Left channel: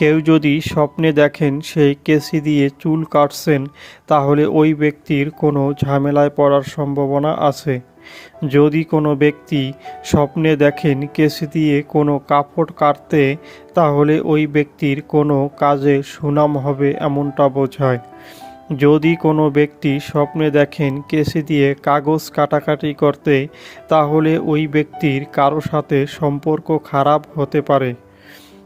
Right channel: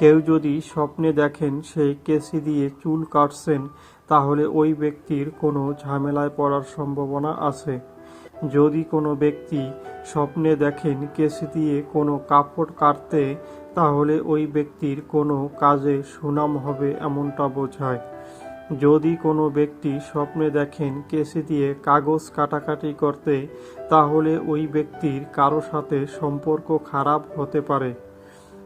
কেউ যদি স্বপ্নে দেখেন সেই কেসি দিয়ে চুল কাটছেন, তাহলে ওই ব্যক্তির কোনো ঝামেলায় পড়ার সম্ভাবনা আছে। যদি কোনো ব্যক্তি স্বপ্নে দেখেন কেসি দিয়ে কোনো কাপড় কাটতে, তাহলে ওই ব্যক্তির কোনো কাজে সুনাম হবে এমনটা বোঝায়। যদি কোনো ব্যক্তি স্বপ্নে দেখেন কেসি দিয়ে কাগজ কাটাকাটি করতে, তাহলে ওই ব্যক্তির কারও সাথে সম্পর্ক খারাপ হতে পারে।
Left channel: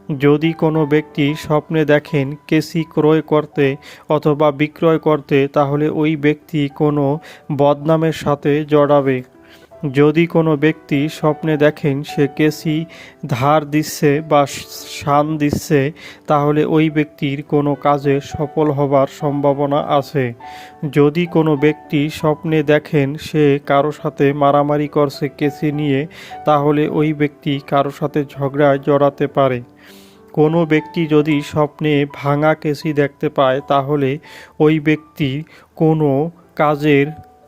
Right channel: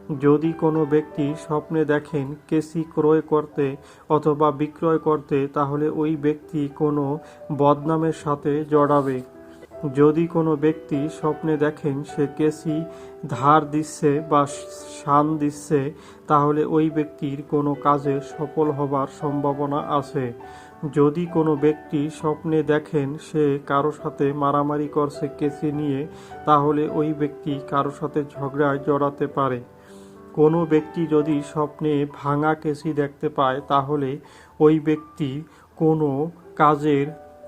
যদি কোনো ব্যক্তি স্বপ্নে দেখেন কেসি ক্রয় করতে অথবা বিক্রয় করতে, তাহলে ওই ব্যক্তি কোনো বদনামের সাথে জড়াবে। যদি কোনো ব্যক্তি স্বপ্নে দেখেন সে কেসি, ধার দিচ্ছে বা শান দিচ্ছে, তাহলে ওই ব্যক্তির কোনো কাজে সফল হবার সম্ভাবনা আছে। যদি কোনো ব্যক্তি স্বপ্নে দেখেন সে কারও সাথে মারামারি করছে কেসি নিয়ে, তাহলে ওই ব্যক্তি কারও সাথে ঝগড়ায় জড়াতে পারে। কোনো ব্যক্তি যদি স্বপ্নে ভাঙা কেসি দেখতে পায়, তাহলে ওই ব্যক্তি কোনো কাজের